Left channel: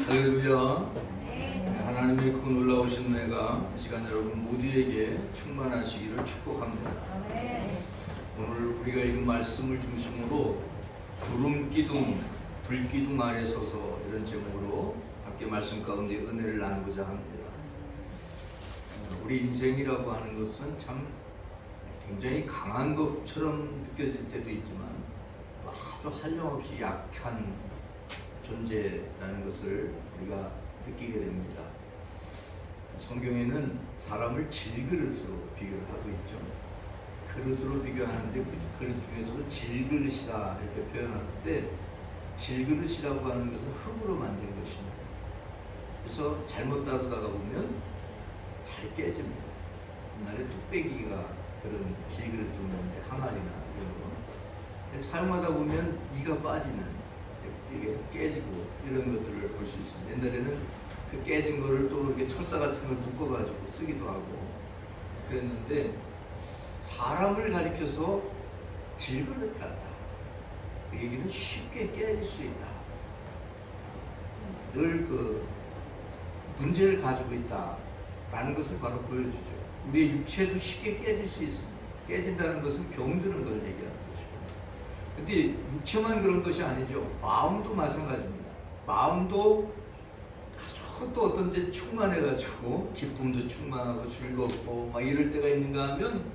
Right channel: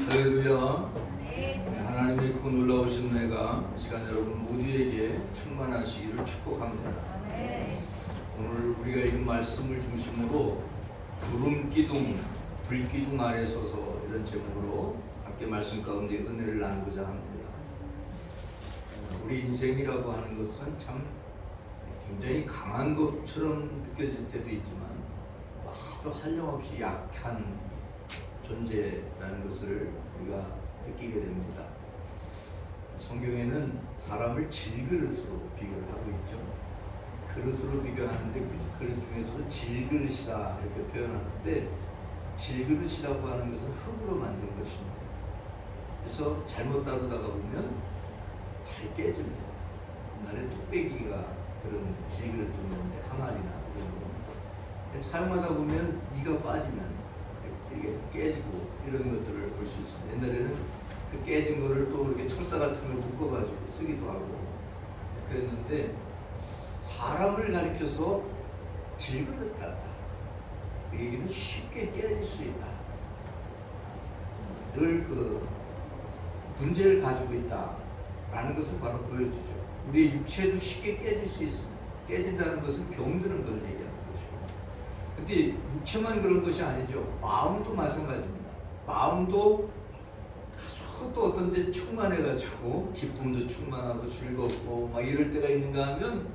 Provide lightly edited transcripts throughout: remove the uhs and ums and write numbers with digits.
할렐루야. 하나님의 그 놀라우신 은혜가 이 시간 여러분 모두에게 충만하시기를 축복합니다. 오늘 우리가 이 말씀을 중심으로 구름 기둥, 불 기둥 아래 서서 이런 제목으로 함께 말씀 가운데 은혜를 나누고자 합니다. 우리 인생이라고 하는 것은 참 굉장히 강한 것처럼 느껴질 때도 있지만 아주 한량없이 약한 존재라는 것을 우리가 느끼게 됩니다. 성경에는 사람을 질그릇으로 비교를 하고 있죠. 그릇으로 비교하는데 그 그릇 중에서도 질그릇이라 이렇게 표현하는데, 질그릇이라고 하는 것은 흙으로 만든 것입니다. 그래서 잘못 다루다가 보면 잘 깨집니다. 옛날에 뚝배기가 그런 질그릇 정도인데, 항아리나 이런 거 사용하다 보면 이가 빠지는, 이게 깨지고 이런 것들을 볼 수 있습니다. 옛날에는 그 깨진 거를 또 이렇게 철사 같은 거 묶어가지고 쓰기도 하고 그랬는데, 사람을 가리켜서 질그릇 같다. 그 얘기는 쉽게 깨질 수 있다. 늘 그 문제를 가지고 있다라는 것을 바로 보여주죠. 우리 육체도 쉽게 깨질 수 있습니다. 깨진다는 것은 병드는 걸 얘기하는 것이고, 근데 육체만 그런 것이 아니죠. 마음도 마찬가지입니다. 마음도 아주 또 어떤 데 충만해가지고 기쁨도 충만하고 즐겁고 막 이럴 때가 있는가 하면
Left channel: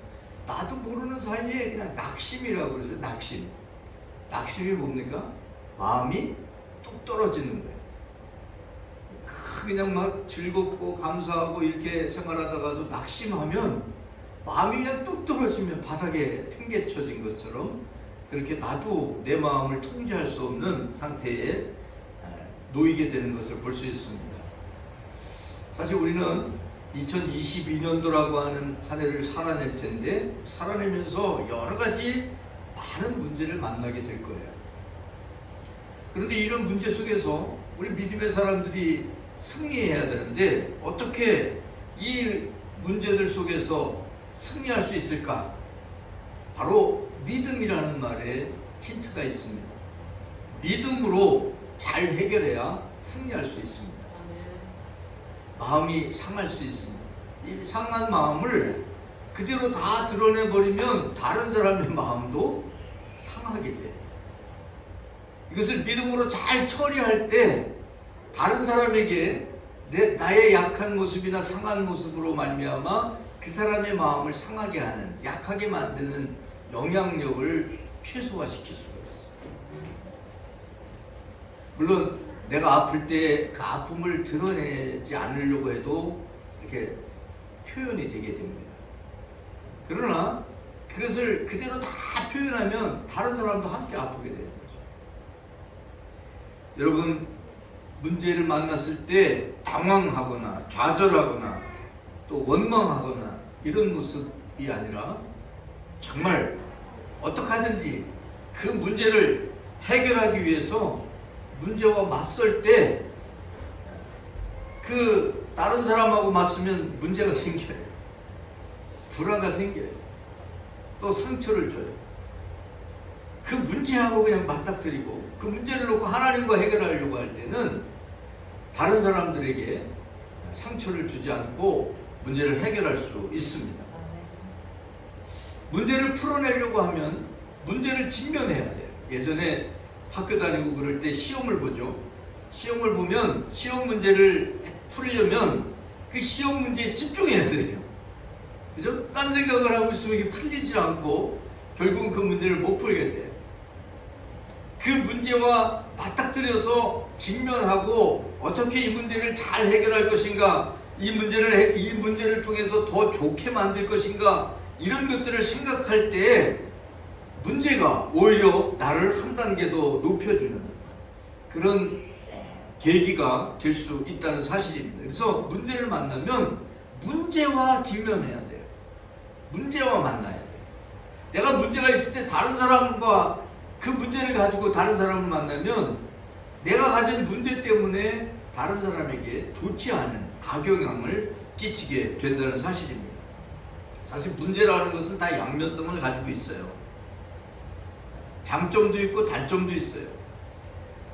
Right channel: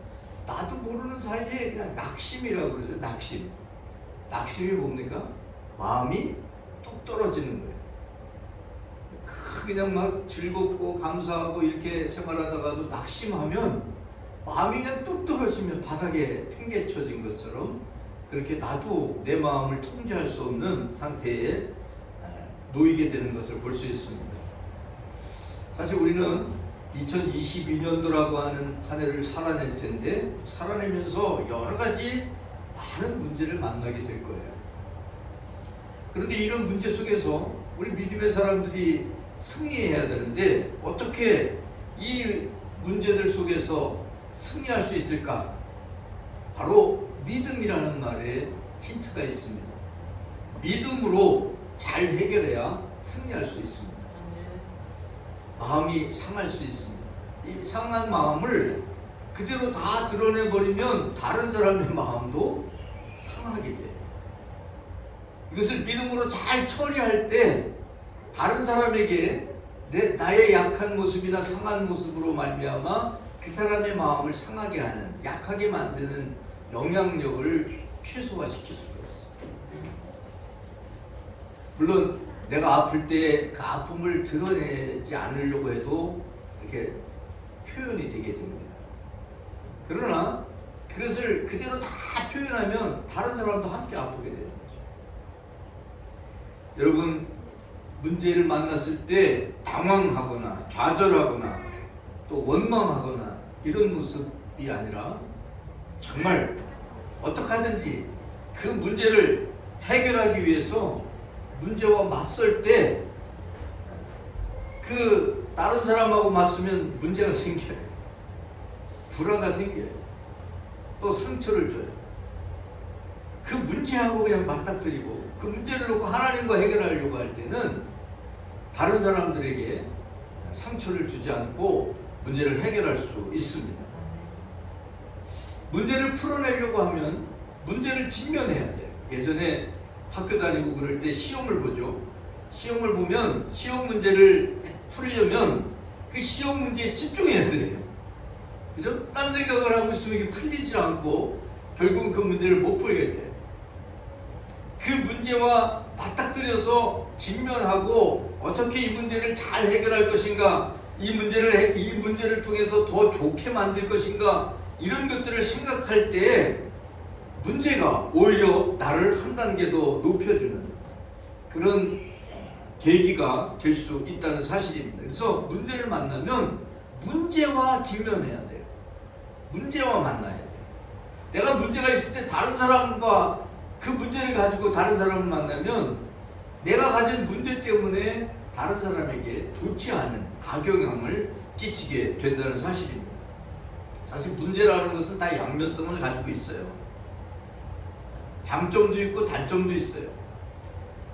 나도 모르는 사이에 그냥 낙심이라고 그러죠. 낙심. 낙심이 뭡니까? 마음이 뚝 떨어지는 거예요. 그냥 막 즐겁고 감사하고 이렇게 생활하다가도 낙심하면 마음이 그냥 뚝 떨어지면 바닥에 팽개쳐진 것처럼 그렇게 나도 내 마음을 통제할 수 없는 상태에 놓이게 되는 것을 볼 수 있습니다. 사실 우리는 2022년도라고 하는 한 해를 살아낼 텐데, 살아내면서 여러 가지 많은 문제를 만나게 될 거예요. 그런데 이런 문제 속에서 우리 믿음의 사람들이 승리해야 되는데, 어떻게 이 문제들 속에서 승리할 수 있을까? 바로 믿음이라는 말에 힌트가 있습니다. 믿음으로 잘 해결해야 승리할 수 있습니다. 마음이 상할 수 있습니다. 이 상한 마음을 그대로 다 드러내버리면 다른 사람의 마음도 상하게 돼요. 이것을 믿음으로 잘 처리할 때 다른 사람에게 나의 약한 모습이나 상한 모습으로 말미암아 그 사람의 마음을 상하게 하는, 약하게 만드는 영향력을 최소화시킬 수가 있어요. 물론 내가 아플 때 그 아픔을 드러내지 않으려고 해도 이렇게 표현이 되게 됩니다. 그러나 그것을 그대로 다 표현하면 다른 사람도 함께 아프게 되는 거죠. 여러분, 문제를 만났을 때 당황하거나 좌절하거나 또 원망하거나 이런 모습이 아니라 정말 어떻게 하든지 그 문제를 해결하기 위해서 문제와 맞설 때 그 다른 사람하고 맞서면 문제가 생겨요. 불화가 생겨요. 또 상처를 줘요. 그 문제하고 그냥 맞닥뜨리고 그 문제를 놓고 하나님과 해결하려고 할 때는 다른 사람들에게 상처를 주지 않고 문제를 해결할 수 있습니다. 문제를 풀어내려고 하면 문제를 직면해야 돼요. 예전에 학교 다니고 그럴 때 시험을 보죠. 시험을 보면 시험 문제를 풀려면 그 시험 문제에 집중해야 돼요. 그죠? 딴 생각을 하고 있으면 이게 풀리지 않고 결국은 그 문제를 못 풀게 돼요. 그 문제와 맞닥뜨려서 직면하고 어떻게 이 문제를 잘 해결할 것인가, 이 문제를 통해서 더 좋게 만들 것인가, 이런 것들을 생각할 때 문제가 오히려 나를 한 단계 더 높여주는 그런 계기가 될 수 있다는 사실입니다. 그래서 문제를 만나면 문제와 직면해야 돼요. 문제와 만나야 돼요. 내가 문제가 있을 때 다른 사람과 그 문제를 가지고 다른 사람을 만나면 내가 가진 문제 때문에 다른 사람에게 좋지 않은 악영향을 끼치게 된다는 사실입니다. 사실 문제라는 것은 다 양면성을 가지고 있어요. 장점도 있고 단점도 있어요.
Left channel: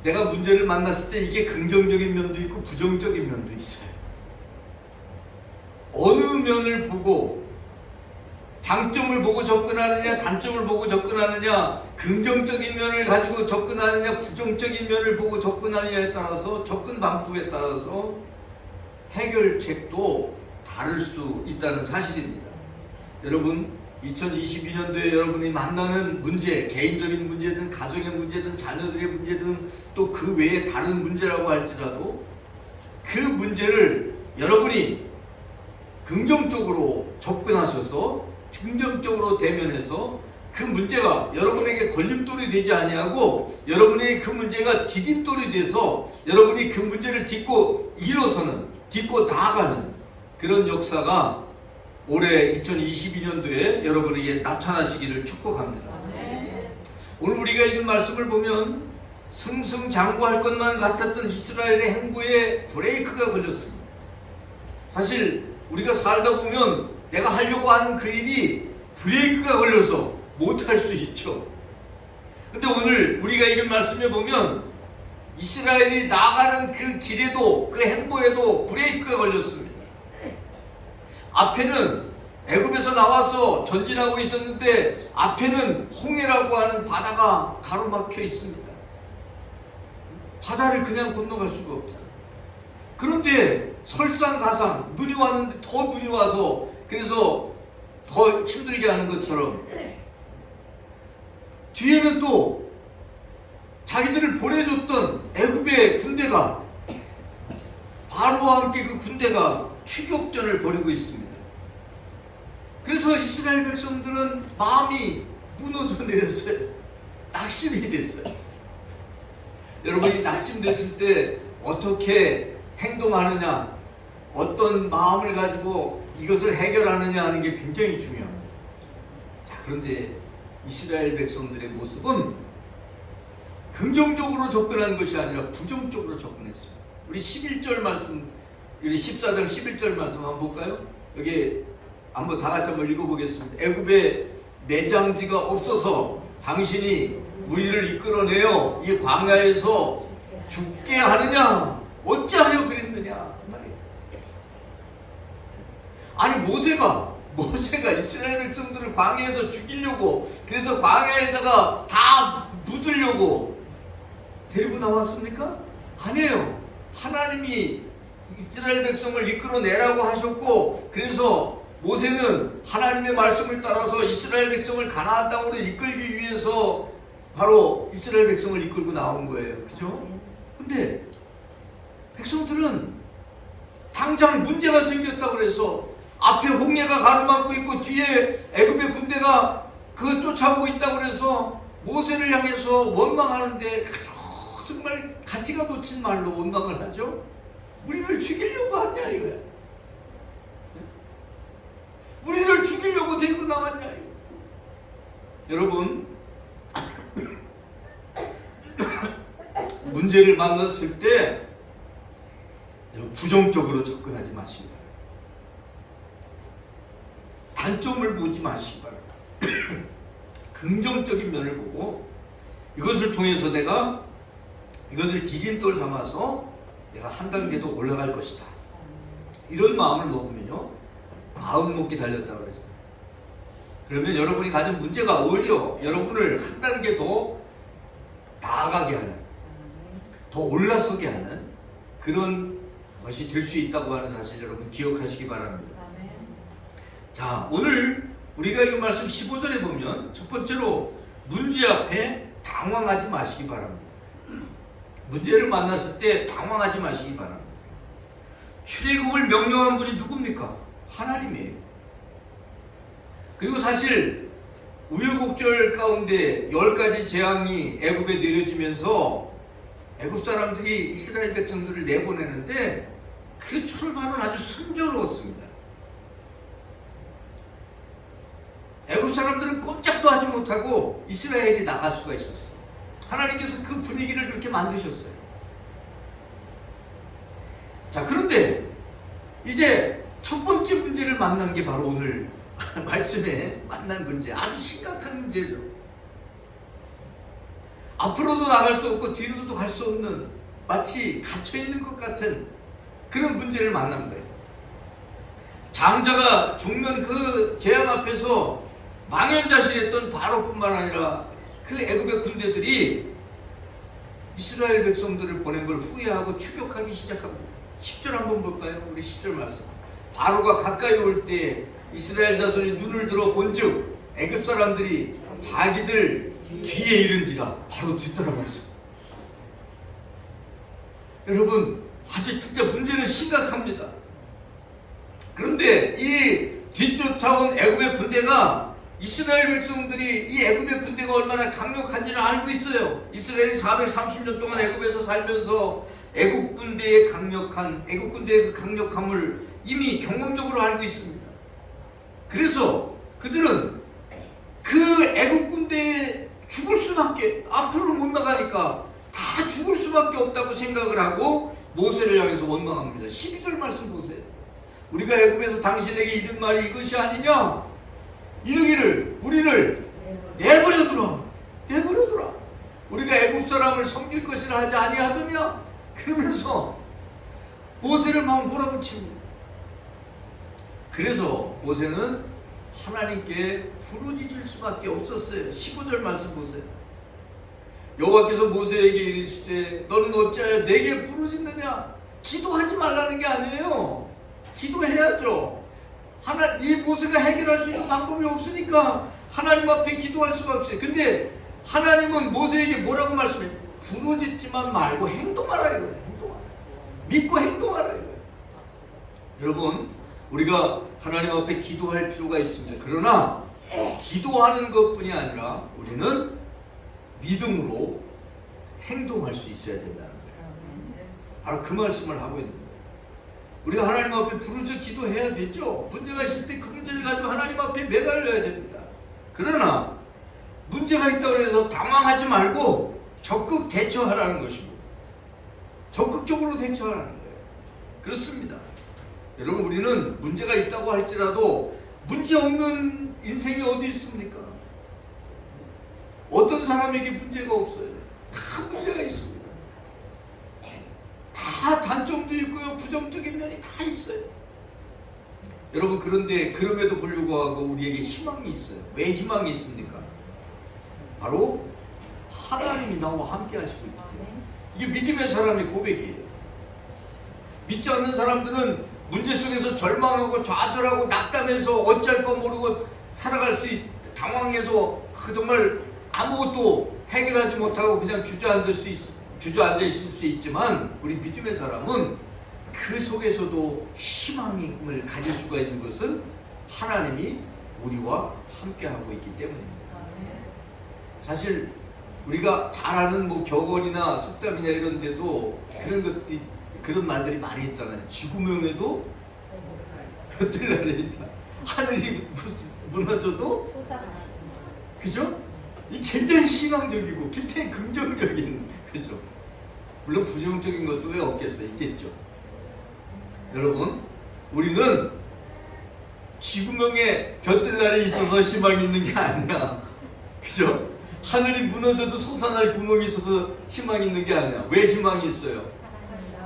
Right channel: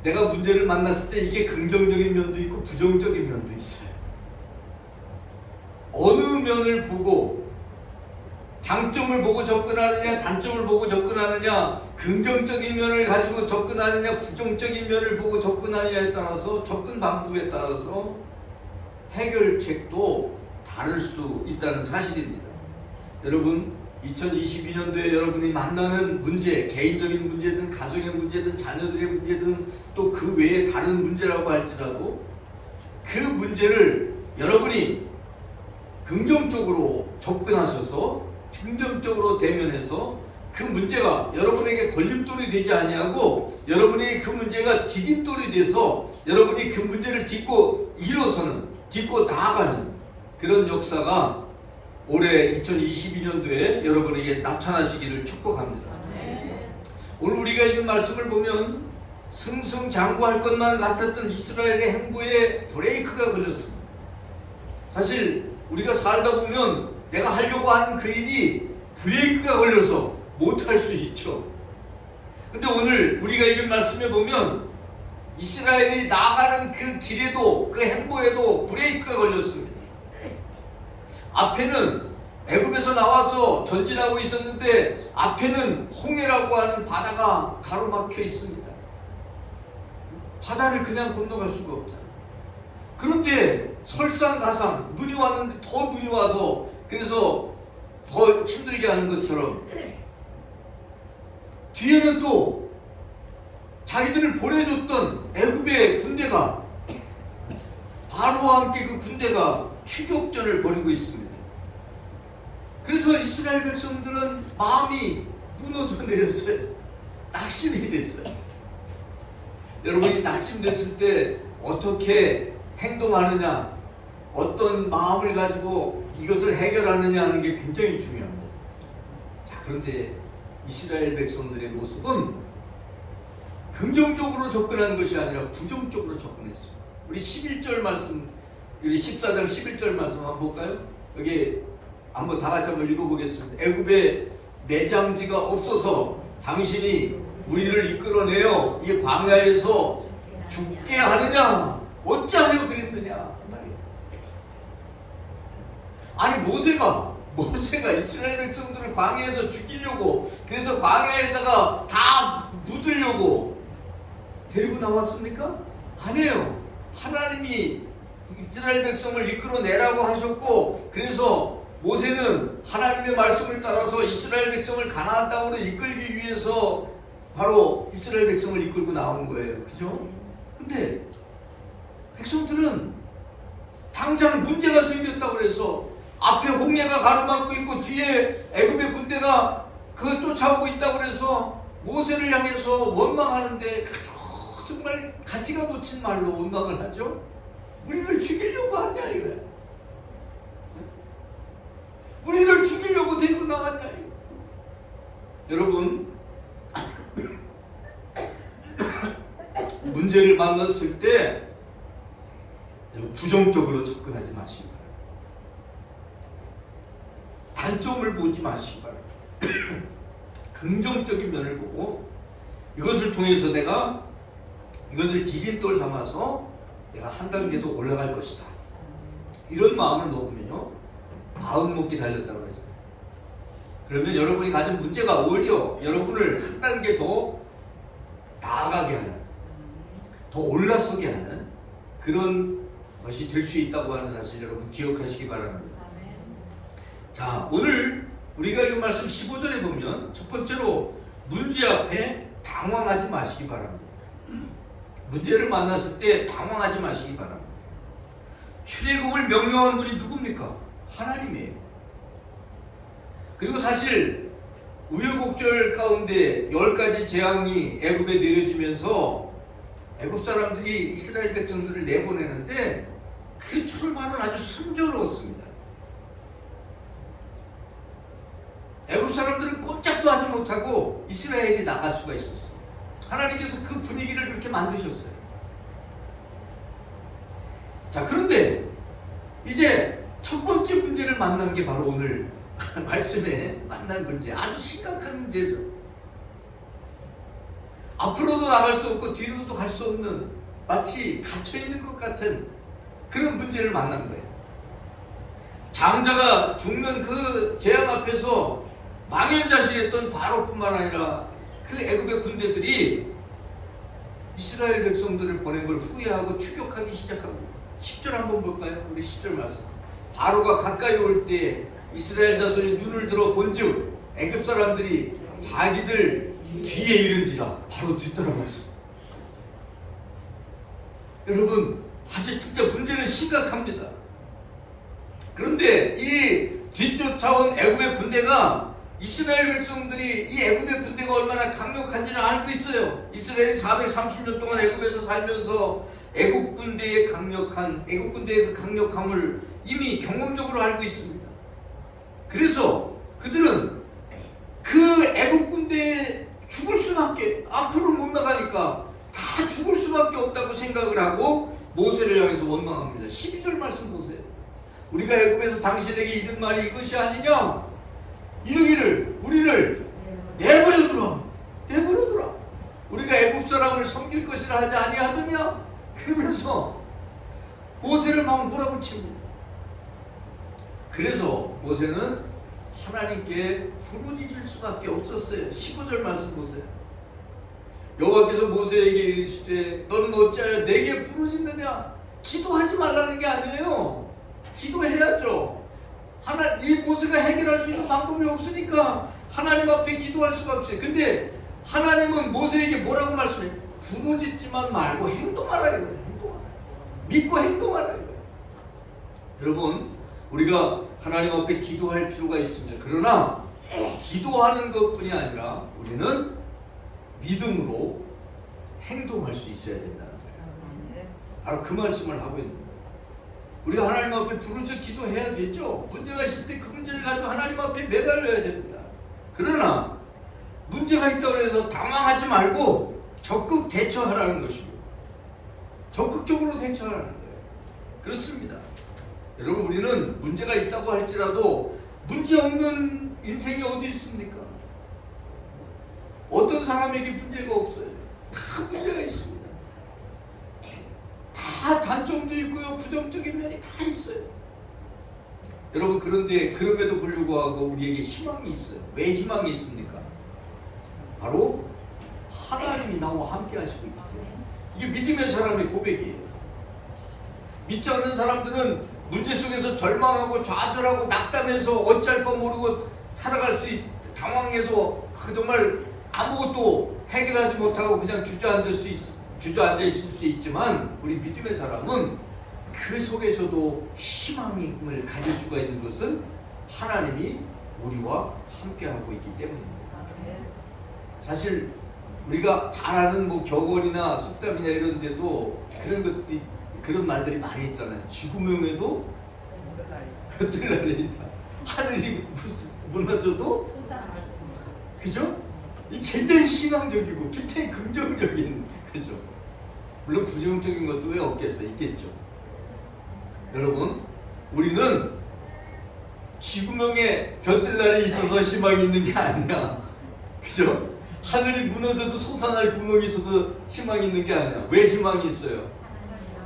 내가 문제를 만났을 때 이게 긍정적인 면도 있고 부정적인 면도 있어요. 어느 면을 보고 장점을 보고 접근하느냐, 단점을 보고 접근하느냐, 긍정적인 면을 가지고 접근하느냐, 부정적인 면을 보고 접근하느냐에 따라서, 접근 방법에 따라서 해결책도 다를 수 있다는 사실입니다. 여러분, 2022년도에 여러분이 만나는 문제, 개인적인 문제든 가정의 문제든 자녀들의 문제든 또 그 외에 다른 문제라고 할지라도 그 문제를 여러분이 긍정적으로 접근하셔서 긍정적으로 대면해서 그 문제가 여러분에게 걸림돌이 되지 아니하고 여러분에게 그 문제가 디딤돌이 돼서 여러분이 그 문제를 딛고 일어서는, 딛고 나아가는 그런 역사가 올해 2022년도에 여러분에게 나타나시기를 축복합니다. 오늘 우리가 읽은 말씀을 보면 승승장구할 것만 같았던 이스라엘의 행보에 브레이크가 걸렸습니다. 사실 우리가 살다 보면 내가 하려고 하는 그 일이 브레이크가 걸려서 못할 수 있죠. 근데 오늘 우리가 읽은 말씀에 보면 이스라엘이 나아가는 그 길에도, 그 행보에도 브레이크가 걸렸습니다. 앞에는 애굽에서 나와서 전진하고 있었는데 앞에는 홍해라고 하는 바다가 가로막혀 있습니다. 바다를 그냥 건너갈 수가 없잖아요. 그런데 설상가상 눈이 왔는데 더 눈이 와서 그래서 더 힘들게 하는 것처럼 뒤에는 또 자기들을 보내줬던 애굽의 군대가, 바로와 함께 그 군대가 추격전을 벌이고 있습니다. 그래서 이스라엘 백성들은 마음이 무너져 내렸어요. 낙심이 됐어요. 여러분이 낙심됐을 때 어떻게 행동하느냐, 어떤 마음을 가지고 이것을 해결하느냐 하는 게 굉장히 중요합니다. 자, 그런데 이스라엘 백성들의 모습은 긍정적으로 접근한 것이 아니라 부정적으로 접근했습니다. 우리 11절 말씀, 우리 14장 11절 말씀 한번 볼까요? 여기 한번 다 같이 한번 읽어보겠습니다. 애굽에 매장지가 없어서 당신이 우리를 이끌어내어 이 광야에서 죽게 하느냐, 어찌하려 그랬느냐. 아니 모세가 이스라엘 백성들을 광야에서 죽이려고, 그래서 광야에다가 다 묻으려고 데리고 나왔습니까? 아니에요. 하나님이 이스라엘 백성을 이끌어내라고 하셨고, 그래서 모세는 하나님의 말씀을 따라서 이스라엘 백성을 가나안 땅으로 이끌기 위해서 바로 이스라엘 백성을 이끌고 나온 거예요. 그죠? 근데 백성들은 당장 문제가 생겼다고 그래서 앞에 홍해가 가로막고 있고 뒤에 애굽의 군대가 그 쫓아오고 있다고 그래서 모세를 향해서 원망하는데 정말 가지가 놓친 말로 원망을 하죠. 우리를 죽이려고 하냐 이거야. 우리를 죽이려고 데리고 나갔냐 이거. 여러분, 문제를 만났을 때 부정적으로 접근하지 마시기 바랍니다. 단점을 보지 마시기 바랍니다. 긍정적인 면을 보고 이것을 통해서 내가 이것을 디딤돌 삼아서 내가 한 단계 더 올라갈 것이다. 이런 마음을 먹으면요, 마음 먹기 달렸다고 하죠. 그러면 여러분이 가진 문제가 오히려 여러분을 한 단계 더 나아가게 하는, 더 올라서게 하는 그런 것이 될 수 있다고 하는 사실 여러분 기억하시기 바랍니다. 자, 오늘 우리가 읽은 말씀 15절에 보면 첫 번째로 문제 앞에 당황하지 마시기 바랍니다. 문제를 만났을 때 당황하지 마시기 바랍니다. 출애굽을 명령한 분이 누굽니까? 하나님이에요. 그리고 사실 우여곡절 가운데 10가지 재앙이 애굽에 내려지면서 애굽 사람들이 이스라엘 백성들을 내보내는데 그 출발은 아주 순조로웠습니다. 애굽 사람들은 꼼짝도 하지 못하고 이스라엘이 나갈 수가 있었어요. 하나님께서 그 분위기를 그렇게 만드셨어요. 자, 그런데 이제 첫 번째 문제를 만난 게 바로 오늘 말씀에 만난 문제, 아주 심각한 문제죠. 앞으로도 나갈 수 없고 뒤로도 갈 수 없는 마치 갇혀있는 것 같은 그런 문제를 만난 거예요. 장자가 죽는 그 재앙 앞에서 망연자실했던 바로뿐만 아니라 그 애굽의 군대들이 이스라엘 백성들을 보낸 걸 후회하고 추격하기 시작합니다. 10절 한번 볼까요? 우리 10절 말씀. 바로가 가까이 올 때 이스라엘 자손이 눈을 들어 본즉 애굽 사람들이 자기들 뒤에 이른지라 바로 뒤따라갔어. 여러분, 아주 진짜 문제는 심각합니다. 그런데 이 뒤쫓아온 애굽의 군대가 이스라엘 백성들이 이 애굽의 군대가 얼마나 강력한지를 알고 있어요. 이스라엘이 430년 동안 애굽에서 살면서 애굽 군대의 그 강력함을 이미 경험적으로 알고 있습니다. 그래서 그들은 그 애굽 군대에 죽을 수밖에, 앞으로 못 나가니까 다 죽을 수밖에 없다고 생각을 하고 모세를 향해서 원망합니다. 12절 말씀 보세요. 우리가 애굽에서 당신에게 이른 말이 이것이 아니냐? 이르기를 우리를 내버려두라. 우리가 애굽 사람을 섬길 것이라 하지 아니하더냐? 그러면서 모세를 막 몰아붙이고, 그래서 모세는 하나님께 부르짖을 수밖에 없었어요. 15절 말씀 보세요. 여호와께서 모세에게 이르시되 너는 어찌하여 내게 부르짖느냐? 기도하지 말라는 게 아니에요. 기도해야죠. 이 모세가 해결할 수 있는 방법이 없으니까 하나님 앞에 기도할 수가 없어요. 근데 하나님은 모세에게 뭐라고 말씀해요? 부르짖지만 말고 행동하라 이거예요. 믿고 행동하라 이거예요. 여러분, 우리가 하나님 앞에 기도할 필요가 있습니다. 그러나 기도하는 것뿐이 아니라 우리는 믿음으로 행동할 수 있어야 된다는 거예요. 바로 그 말씀을 하고 있는 거예요. 우리가 하나님 앞에 부르짖어 기도해야 되죠. 문제가 있을 때 그 문제를 가지고 하나님 앞에 매달려야 됩니다. 그러나 문제가 있다고 해서 당황하지 말고 적극 대처하라는 것이고, 적극적으로 대처하라는 거예요. 그렇습니다. 여러분, 우리는 문제가 있다고 할지라도 문제 없는 인생이 어디 있습니까? 어떤 사람에게 문제가 없어요? 다 문제가 있습니다. 다 단점도 있고요, 부정적인 면이 다 있어요. 여러분, 그런데 그럼에도 불구하고 우리에게 희망이 있어요. 왜 희망이 있습니까? 바로 하나님이 나와 함께 하시고 있기 때문에. 이게 믿음의 사람의 고백이에요. 믿지 않는 사람들은 문제 속에서 절망하고 좌절하고 낙담해서 어찌할 바 모르고 살아갈 수 당황해서 정말 아무것도 해결하지 못하고 그냥 주저앉아 있을 수 있지만, 우리 믿음의 사람은 그 속에서도 희망을 가질 수가 있는 것은 하나님이 우리와 함께하고 있기 때문입니다. 사실 우리가 잘 아는 격언이나 속담이나 이런 데도 그런 말들이 많이 있잖아요. 지구명에도 뜰날에 있다. 하늘이 무너져도, 그죠? 이 굉장히 희망적이고 굉장히 긍정적인, 그죠? 물론 부정적인 것도 왜 없겠어요? 있겠죠. 여러분, 우리는 지구명에 볕뜰날에 있어서 희망이 있는 게 아니야. 그죠? 하늘이 무너져도 솟아날 구멍이 있어서 희망이 있는 게 아니야. 왜 희망이 있어요?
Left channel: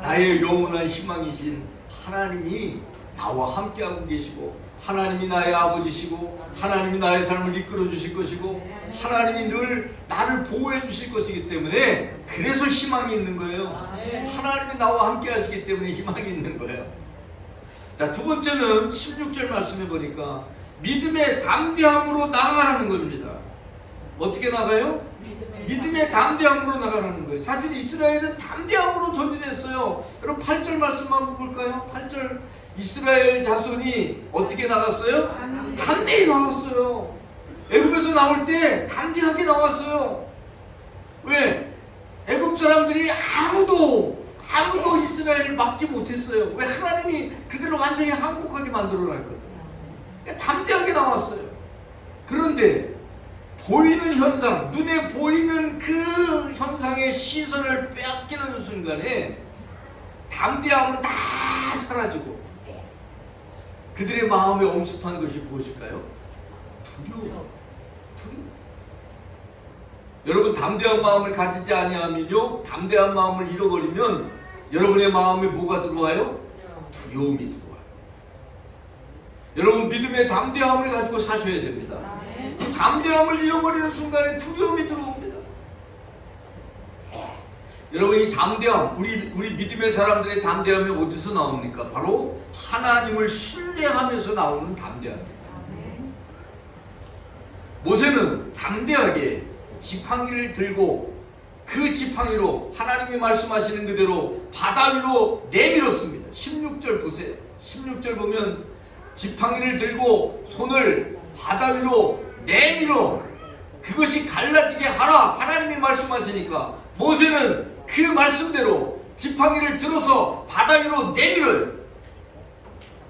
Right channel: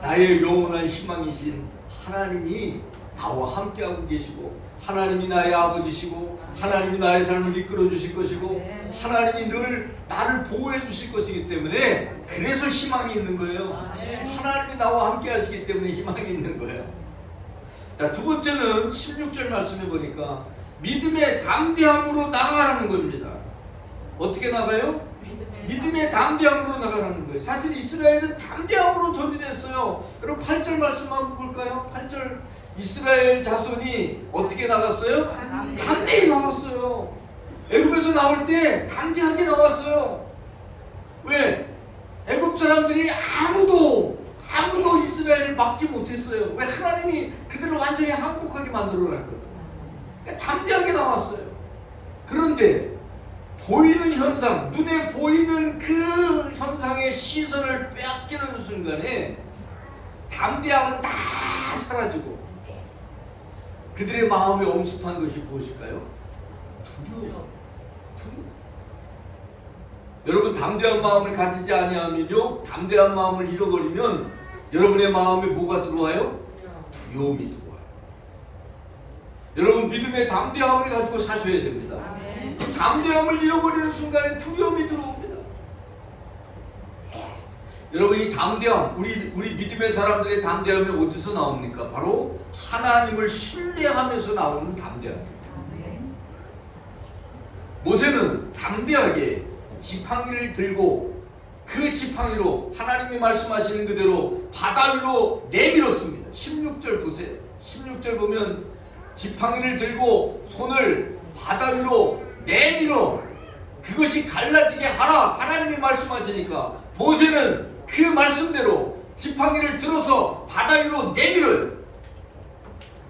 나의 영원한 희망이신 하나님이 나와 함께하고 계시고, 하나님이 나의 아버지시고, 하나님이 나의 삶을 이끌어 주실 것이고, 하나님이 늘 나를 보호해 주실 것이기 때문에, 그래서 희망이 있는 거예요. 하나님이 나와 함께 하시기 때문에 희망이 있는 거예요. 자, 두 번째는 16절 말씀해 보니까 믿음의 담대함으로 나가라는 겁니다. 어떻게 나가요? 믿음의 담대함으로 나가라는 거예요. 사실 이스라엘은 담대함으로 전진했어요. 여러분 8절 말씀 한번 볼까요? 8절, 이스라엘 자손이 어떻게 나갔어요? 담대히 나갔어요. 애굽에서 나올 때 담대하게 나왔어요. 왜? 애굽 사람들이 아무도 이스라엘을 막지 못했어요. 왜? 하나님이 그들을 완전히 항복하게 만들어놨거든요. 담대하게 나왔어요. 그런데 보이는 현상, 눈에 보이는 그 현상의 시선을 빼앗기는 순간에 담대함은 다 사라지고 그들의 마음에 엄습한 것이 무엇일까요? 두려움. 여러분 담대한 마음을 가지지 아니하면요, 담대한 마음을 잃어버리면 여러분의 마음에 뭐가 들어와요? 두려움이 들어와요. 여러분 믿음의 담대함을 가지고 사셔야 됩니다. 그 담대함을 잃어버리는 순간에 두려움이 들어옵니다. 여러분 이 담대함, 우리 믿음의 사람들의 담대함이 어디서 나옵니까? 바로 하나님을 신뢰하면서 나오는 담대함입니다. 모세는 담대하게 지팡이를 들고 그 지팡이로 하나님이 말씀하시는 그대로 바다 위로 내밀었습니다. 16절 보세요. 16절 보면 지팡이를 들고 손을 바다 위로 내밀어 그것이 갈라지게 하라 하나님이 말씀하시니까 모세는 그 말씀대로 지팡이를 들어서 바다 위로 내밀어요.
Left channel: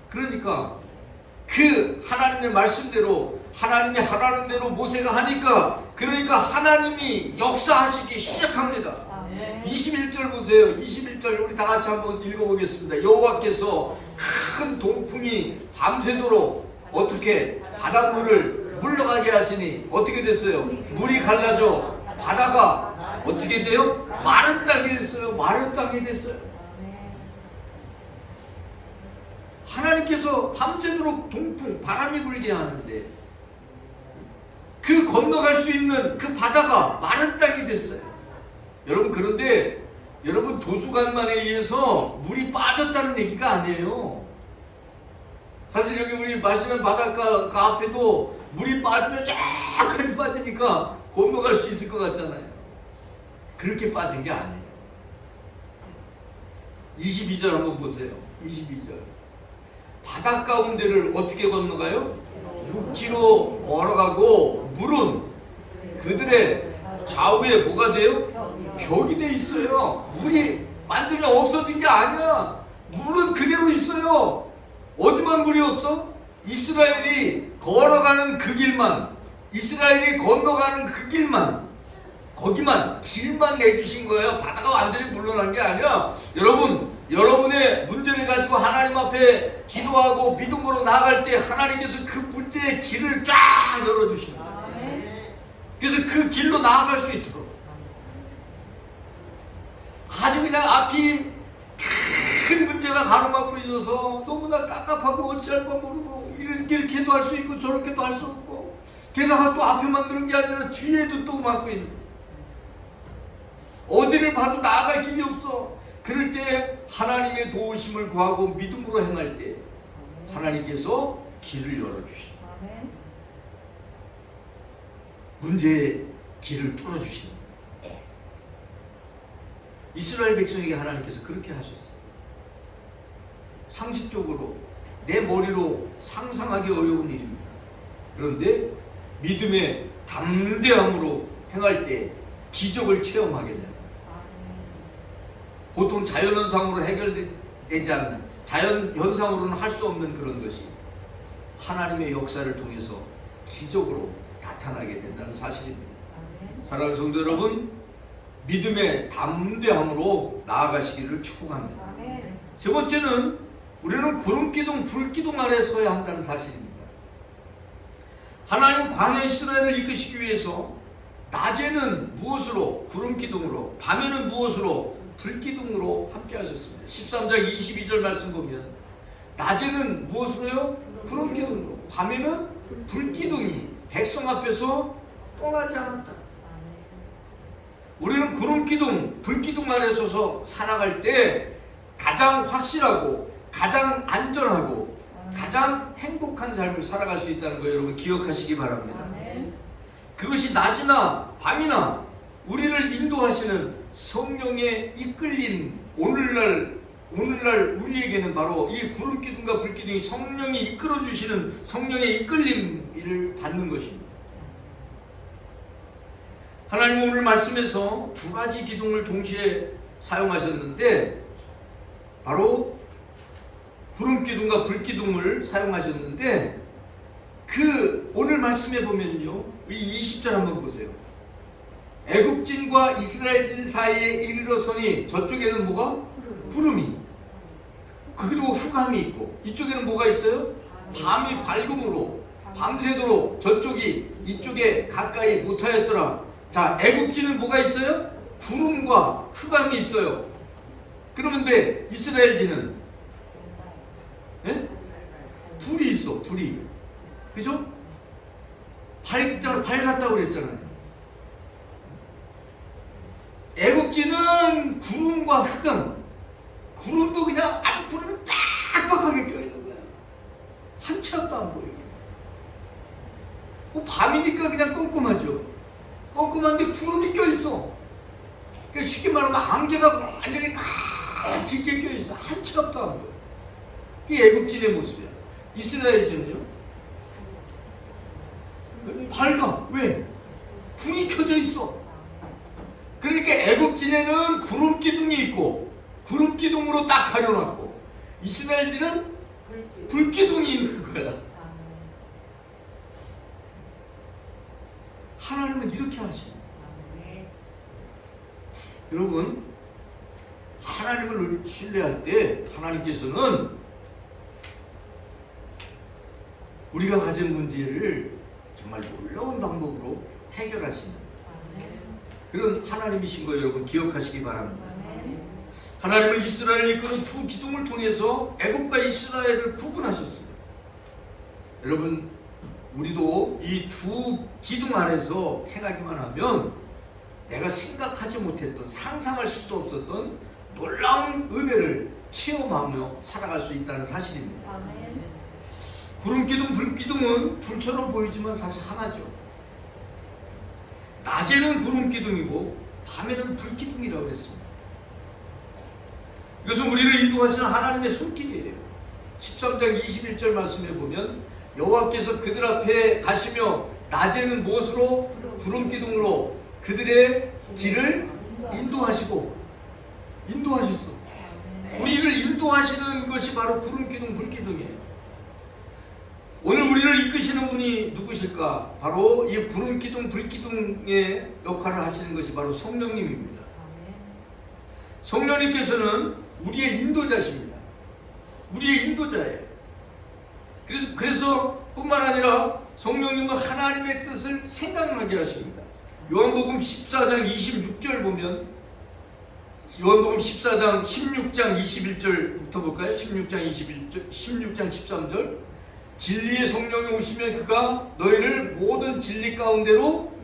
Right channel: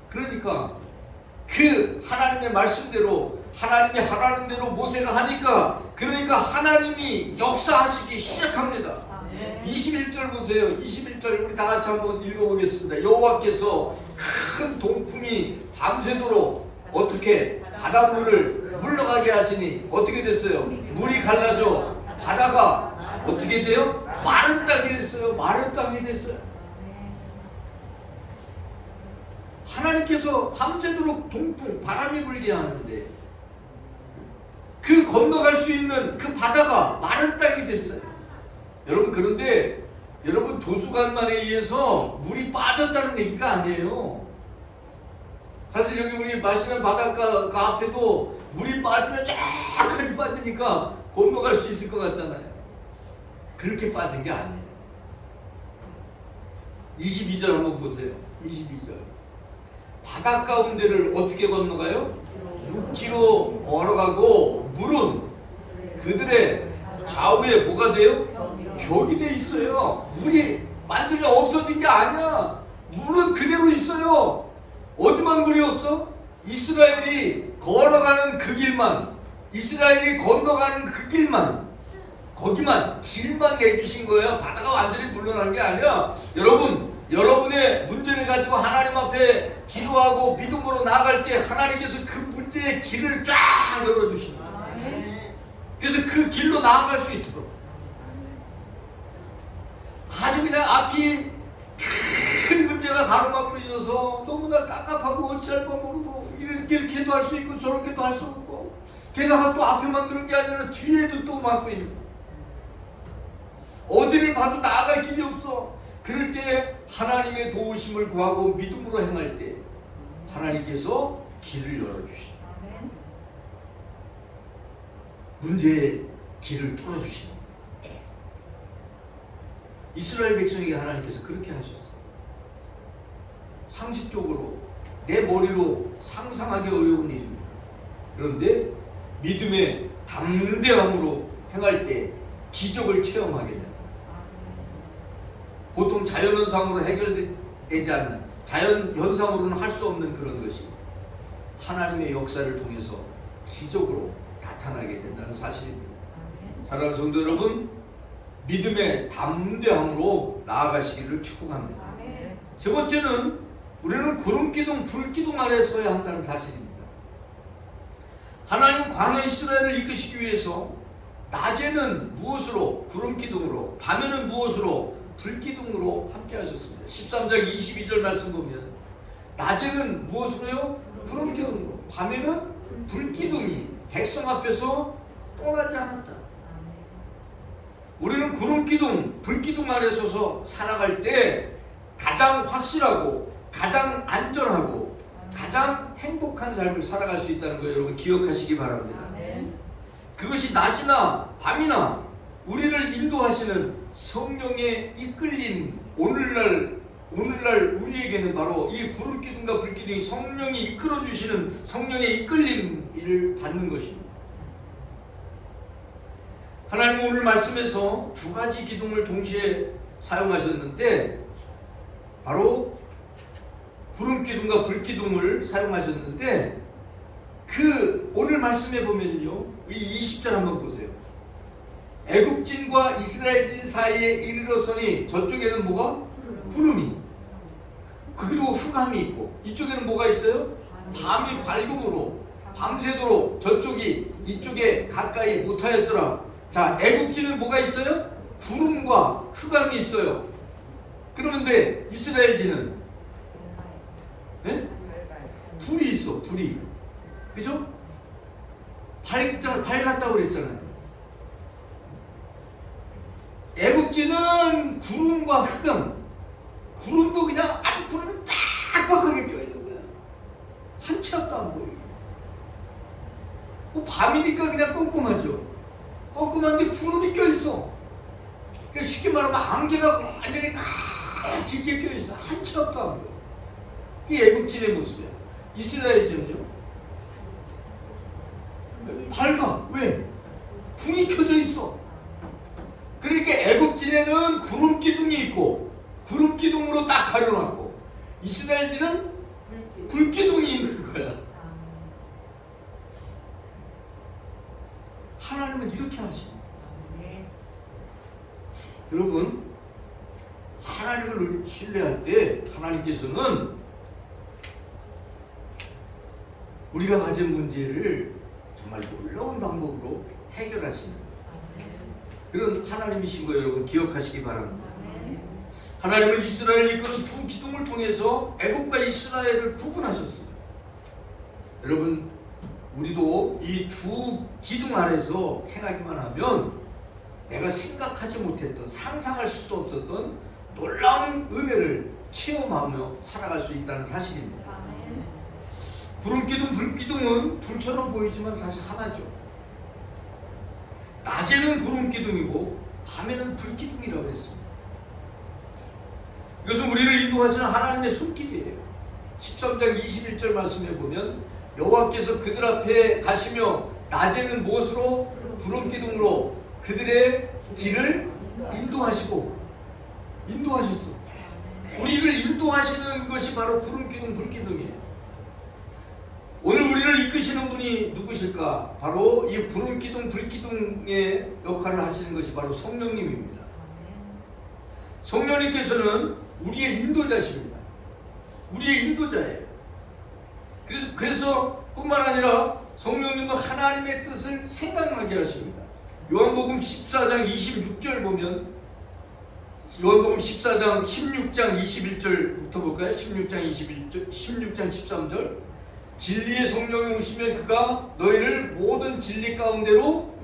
그러니까 그 하나님의 말씀대로 하나님이 하라는 대로 모세가 하니까 그러니까 하나님이 역사하시기 시작합니다. 21절 보세요. 21절 우리 다 같이 한번 읽어보겠습니다. 여호와께서 큰 동풍이 밤새도록 어떻게 바닷물을 물러가게 하시니 어떻게 됐어요? 물이 갈라져 바다가 어떻게 돼요? 마른 땅이 됐어요. 마른 땅이 됐어요. 하나님께서 밤새도록 동풍, 바람이 불게 하는데 그 건너갈 수 있는 그 바다가 마른 땅이 됐어요. 여러분 그런데 여러분 조수간만에 의해서 물이 빠졌다는 얘기가 아니에요. 사실 여기 우리 마시는 바닷가 그 앞에도 물이 빠지면 쫙까지 빠지니까 건너갈 수 있을 것 같잖아요. 그렇게 빠진 게 아니에요. 22절 한번 보세요. 22절 바다 가운데를 어떻게 건너가요? 육지로 걸어가고 물은 그들의 좌우에 뭐가 돼요? 벽이 돼 있어요. 물이 완전히 없어진 게 아니야. 물은 그대로 있어요. 어디만 물이 없어? 이스라엘이 걸어가는 그 길만, 이스라엘이 건너가는 그 길만, 거기만 길만 내주신 거예요. 바다가 완전히 물러난 게 아니야. 여러분의 문제를 가지고 하나님 앞에 기도하고 믿음으로 나아갈 때 하나님께서 그 문제의 길을 쫙 열어주십니다. 그래서 그 길로 나아갈 수 있도록 아주 그냥 앞이 큰 문제가 가로막고 있어서 너무나 깝깝하고 어찌할 바 모르고 이렇게도 할 수 있고 저렇게도 할 수 없고 게다가 또 앞에만 그런 게 아니라 뒤에도 또 막고 있는 거예요. 어디를 봐도 나아갈 길이 없어. 그럴 때 하나님의 도우심을 구하고 믿음으로 행할 때 하나님께서 길을 열어주시고 문제의 길을 뚫어주시는 거예요. 이스라엘 백성에게 하나님께서 그렇게 하셨어요. 상식적으로 내 머리로 상상하기 어려운 일입니다. 그런데 믿음의 담대함으로 행할 때 기적을 체험하게 됩니다. 보통 자연현상으로 해결되지 않는, 자연현상으로는 할 수 없는 그런 것이 하나님의 역사를 통해서 기적으로 나타나게 된다는 사실입니다. 사랑하는 성도 여러분, 믿음의 담대함으로 나아가시기를 축복합니다. 세 번째는 우리는 구름기둥, 불기둥 아래 서야 한다는 사실입니다. 하나님 광야 이스라엘을 이끄시기 위해서 낮에는 무엇으로? 구름기둥으로, 밤에는 무엇으로? 불기둥으로 함께 하셨습니다. 13절 22절 말씀 보면 낮에는 무엇으로요? 구름기둥으로, 밤에는 불기둥이 백성 앞에서 떠나지 않았다. 우리는 구름기둥, 불기둥 아래 서서 살아갈 때 가장 확실하고 가장 안전하고 가장 행복한 삶을 살아갈 수 있다는 거 여러분 기억하시기 바랍니다. 그것이 낮이나 밤이나 우리를 인도하시는 성령의 이끌림, 오늘날 우리에게는 바로 이 구름기둥과 불기둥이 성령이 이끌어주시는 성령의 이끌림을 받는 것입니다. 하나님은 오늘 말씀에서 두 가지 기둥을 동시에 사용하셨는데 바로 구름기둥과 불기둥을 사용하셨는데 그 오늘 말씀에 보면요, 이 20절 한번 보세요. 애굽진과 이스라엘진 사이에 이르러서니 저쪽에는 뭐가? 구름이, 그리고 흑암이 있고 이쪽에는 뭐가 있어요? 밤이 밝음으로 밤새도록 저쪽이 이쪽에 가까이 못하였더라. 자, 애국지는 뭐가 있어요? 구름과 흑암이 있어요. 그러면 이스라엘지는 예? 불이 있어, 불이. 그죠? 밝았다고 그랬잖아요. 애국지는 구름과 흑암. 구름도 그냥 아주 구름이 빡빡하게 껴있는 거야. 한 치 앞도 안 보여요. 밤이니까 그냥 꼼꼼하죠. 꼼꼼한데 구름이 껴있어. 그러니까 쉽게 말하면 안개가 완전히 다 짙게 껴있어. 한 치 앞도 안 보여. 이 애국진의 모습이야. 이스라엘지는요? 밝아. 왜? 불이 켜져 있어. 그러니까 애국진에는 구름 기둥이 있고 구름 기둥으로 딱 가려놨고 이스라엘지는 불 기둥이 있는 거야. 하나님은 이렇게 하십니다. 여러분, 하나님을 신뢰할 때 하나님께서는 우리가 가진 문제를 정말 놀라운 방법으로 해결하시는 그런 하나님이신 거예요. 여러분 기억하시기 바랍니다. 하나님은 이스라엘을 이끄는 두 기둥을 통해서 애국과 이스라엘을 구분하셨습니다. 여러분, 우리도 이 두 기둥 아래서 행하기만 하면 내가 생각하지 못했던, 상상할 수도 없었던 놀라운 은혜를 체험하며 살아갈 수 있다는 사실입니다. 구름기둥, 불기둥은 불처럼 보이지만 사실 하나죠. 낮에는 구름기둥이고 밤에는 불기둥이라고 했습니다. 이것은 우리를 인도하시는 하나님의 손길이에요. 13장 21절 말씀에 보면 여호와께서 그들 앞에 가시며 낮에는 무엇으로? 구름기둥으로 그들의 길을 인도하셨어. 우리를 인도하시는 것이 바로 구름기둥, 불기둥이에요. 오늘 우리를 이끄시는 분이 누구실까? 바로 이 구름기둥, 불기둥의 역할을 하시는 것이 바로 성령님입니다. 성령님께서는 우리의 인도자십니다. 우리의 인도자예요. 그래서 뿐만 아니라 성령님은 하나님의 뜻을 생각나게 하십니다. 요한복음 14장 26절 보면 요한복음 14장 16장 21절부터 볼까요? 16장 21절, 16장 13절 진리의 성령이 오시면 그가 너희를 모든 진리 가운데로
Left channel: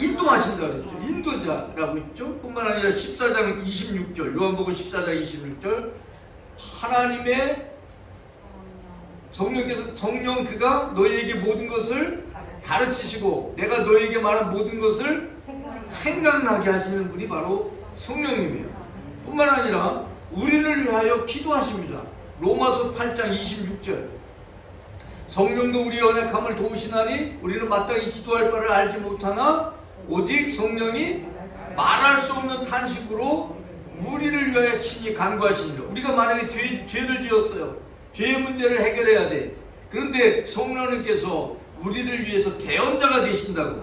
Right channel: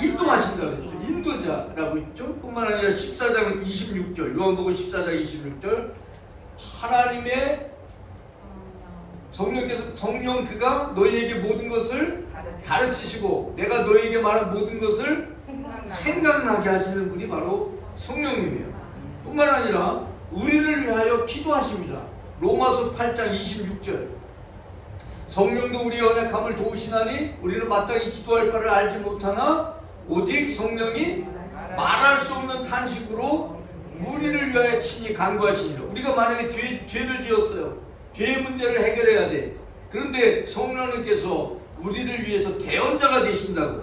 인도하신다 그랬죠. 인도자라고 했죠. 뿐만 아니라 14장 26절 요한복음 14장 26절 하나님의 성령께서 성령 그가 너희에게 모든 것을 가르치시고 내가 너희에게 말한 모든 것을 생각나게 하시는 분이 바로 성령님이에요. 뿐만 아니라 우리를 위하여 기도하십니다. 로마서 8장 26절 성령도 우리 연약함을 도우시나니 우리는 마땅히 기도할 바를 알지 못하나 오직 성령이 말할 수 없는 탄식으로 우리를 위하여 친히 간구하시니라. 우리가 만약에 죄를 지었어요. 죄의 문제를 해결해야 돼. 그런데 성령님께서 우리를 위해서 대언자가 되신다고.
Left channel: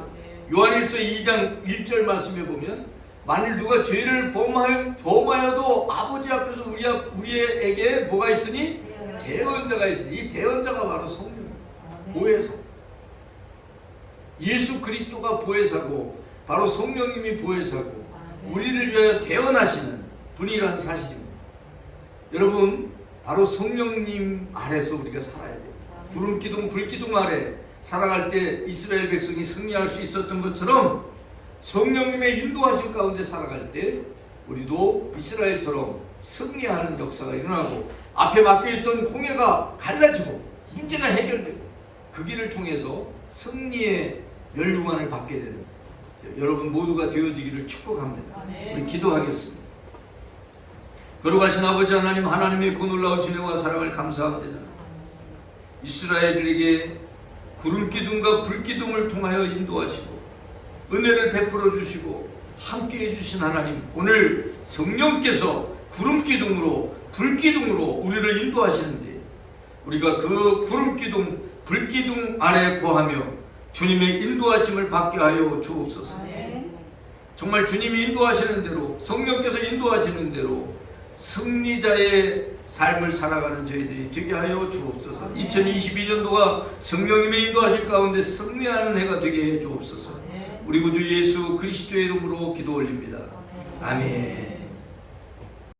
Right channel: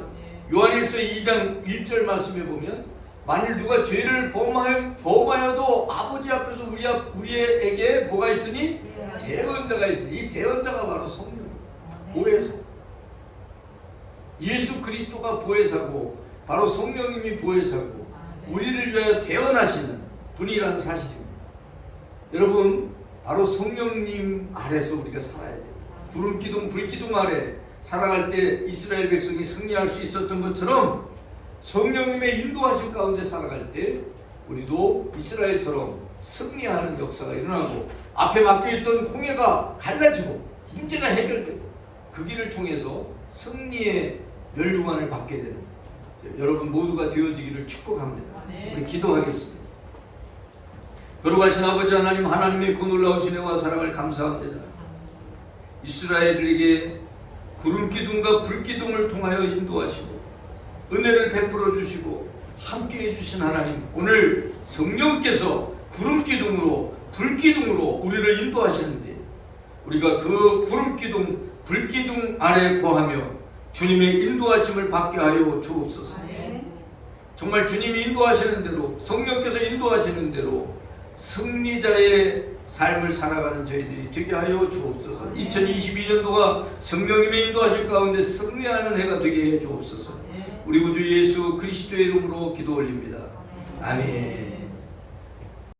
요한일서 2장 1절 말씀에 보면 만일 누가 죄를 범하여도 아버지 앞에서 우리에게 뭐가 있으니? 대언자가 있으니 이 대언자가 바로 성령입니다. 보혜사. 예수 그리스도가 보혜사고 바로 성령님이 보혜사고 우리를 위하여 대언하시는 분이라는 사실입니다. 여러분, 바로 성령님 아래서 우리가 살아야 돼요. 구름기둥, 불기둥 아래 살아갈 때 이스라엘 백성이 승리할 수 있었던 것처럼 성령님의 인도하심 가운데 살아갈 때 우리도 이스라엘처럼 승리하는 역사가 일어나고 앞에 막혀있던 홍해가 갈라지고 문제가 해결되고 그 길을 통해서 승리의 멸류관을 받게 되는 여러분 모두가 되어지기를 축복합니다. 우리 기도하겠습니다. 거룩하신 아버지 하나님, 하나님의 그 놀라우신 은혜와 사랑을 감사합니다. 이스라엘에게 구름기둥과 불기둥을 통하여 인도하시고 은혜를 베풀어 주시고 함께해 주신 하나님, 오늘 성령께서 구름기둥으로 불기둥으로 우리를 인도하시는데 우리가 그 구름기둥 불기둥 아래 거하며 주님의 인도하심을 받게 하여 주옵소서. 정말 주님이 인도하시는 대로 성령께서 인도하시는 대로 승리자의 삶을 살아가는 저희들이 되게 하여 주옵소서. 2022년도가 성령님의 인도하실 가운데 승리하는 해가 되게 해 주옵소서. 우리 구주 예수 그리스도의 이름으로 기도 올립니다. 아멘.